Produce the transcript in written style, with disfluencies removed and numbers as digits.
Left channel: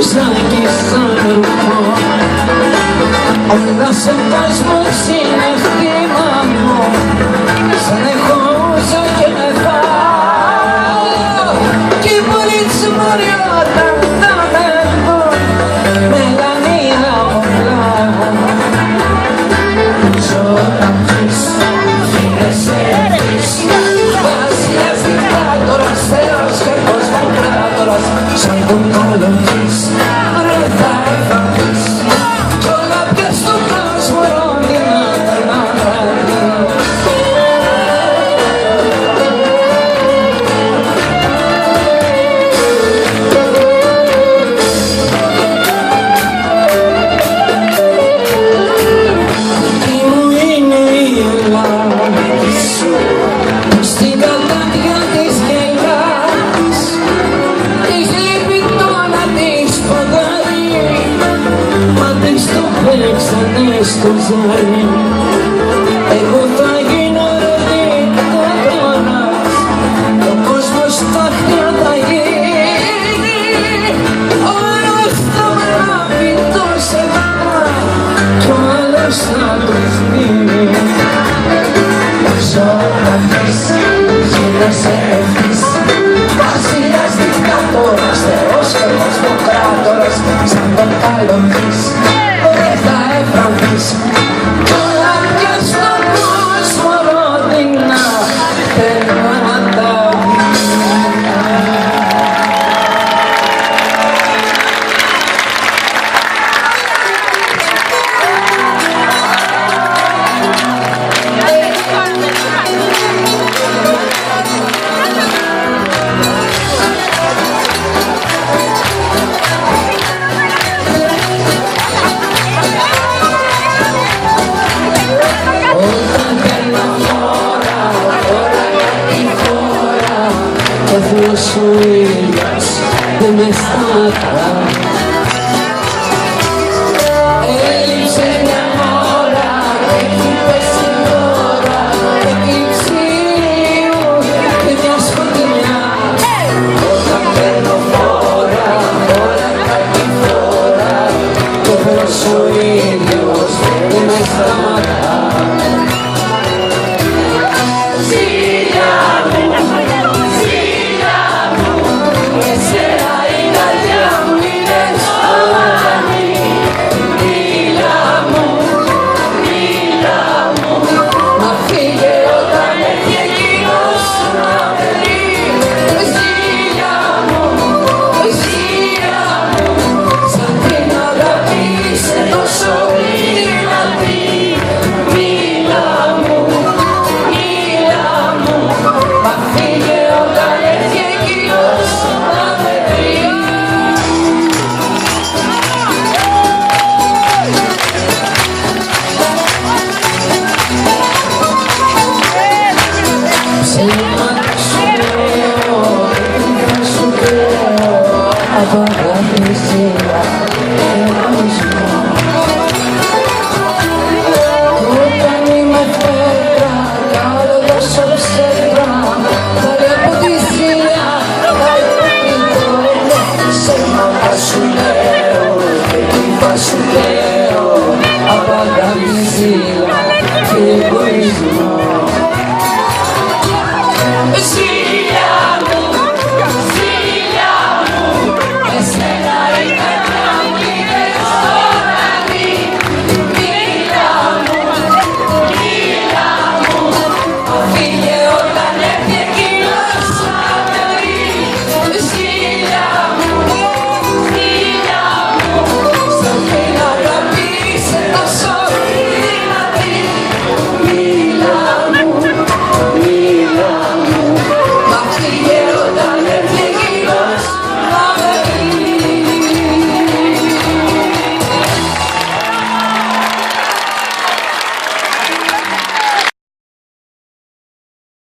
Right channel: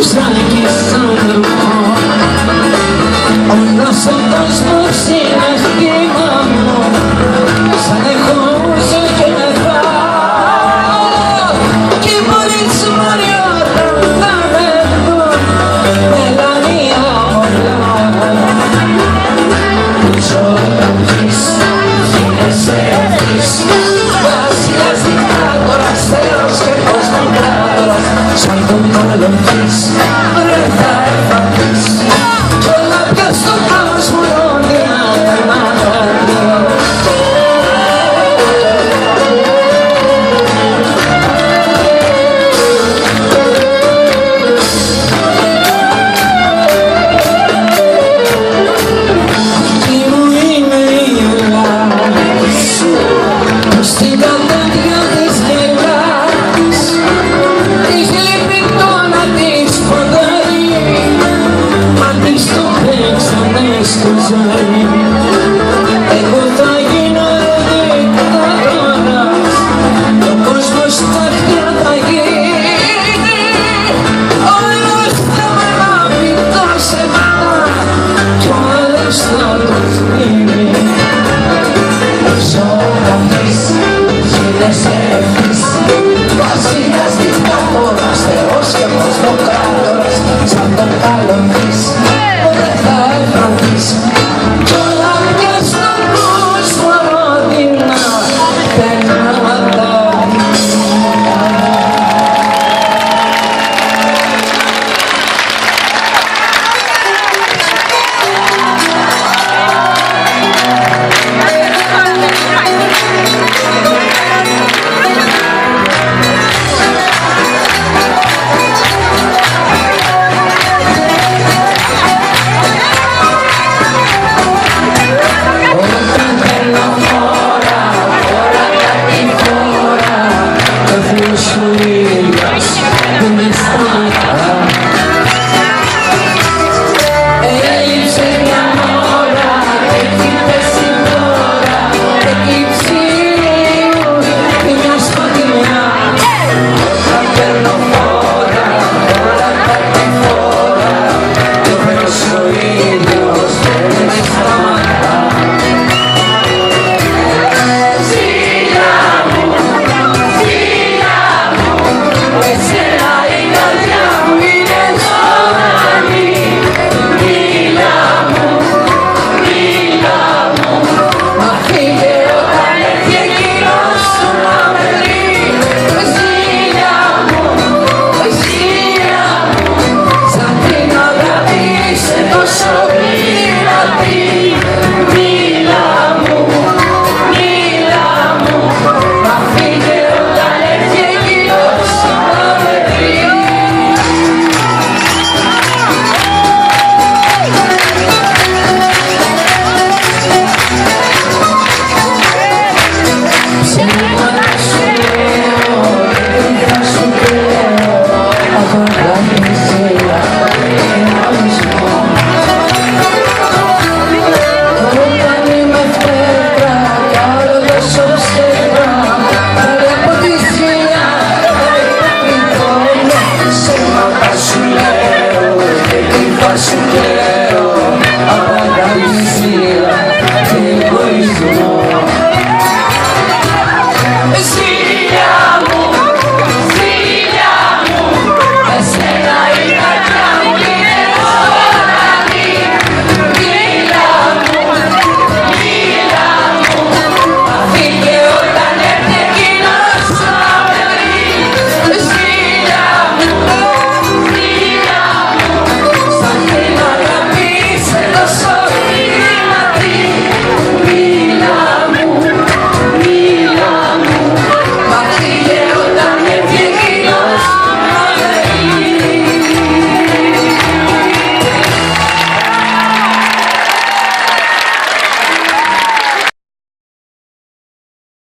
σαν άνθρωπο. Όλος ο κόσμος είναι χτήμα μου, σαν έχω ζω και να φάω. Κι οι μόλις μόλι όταν θα με δουν, μελανία πολλά. Ζωγραφείς, γίνεσαι ευθύς, βασιλιάς δικτάτορας, θεός και κοσμοκράτορας, σαν τον κολοκύς, ρε θα εφαθείς. Κι όλα πια στον κόσμο ρόντινα περνάνε. Τι μου είναι η Ελλάδα σου, στην κατάδια της γελάς, της λείπει το να της ποδάρει, μα της το παίξανε στο ζάρι. Εγώ θα γίνω δικτατόρας, ο κόσμος τα χτιά θα γίνει, όλος θα μ' αγαπητά σε μένα, κι ο άλλος θα ρουφίνει. Ζωγραφείς, γίνεσαι ευθύς, βασιλιάς δικτάτορας, θεός και κοσμοκράτορας, σαν τον καλοκύς, δεν θα εφρανθείς. Κι όλα πια στον κόσμο ρόδινα περνάνε τα όταν παίρνω φόρα, φόρα κάτι φόρα, το θείος σου ήλιος που με σταματά. Έλειψε μια ώρα και χτύπες την ώρα, έκλειψε λίγο και μια σκοτεινιά. Όταν παίρνω φόρα, φόρα κάτι φόρα, το θείος σου ήλιος που με σταματά. Ζήλια μου, εσένα η καρδιά μου είναι ζωντανή. Μίλα μου, μα φύγε όταν έρθει εκείνος που να με δει. Ζήλια μου, σαν την αγάπη είσαι τόσο γλυματή. Μίλα μου, μα φύγε όταν έρθει εκείνος που να με δει. Ψέματα σου λέω και θα σου κλαίω από αγάπησία και εγωισμό. Όταν είμαι φτερά, κάνω τόσο ψέμα, πάλι από τη θεία θα υποκριτώ. Ψέματα σου λέω και θα σου κλαίω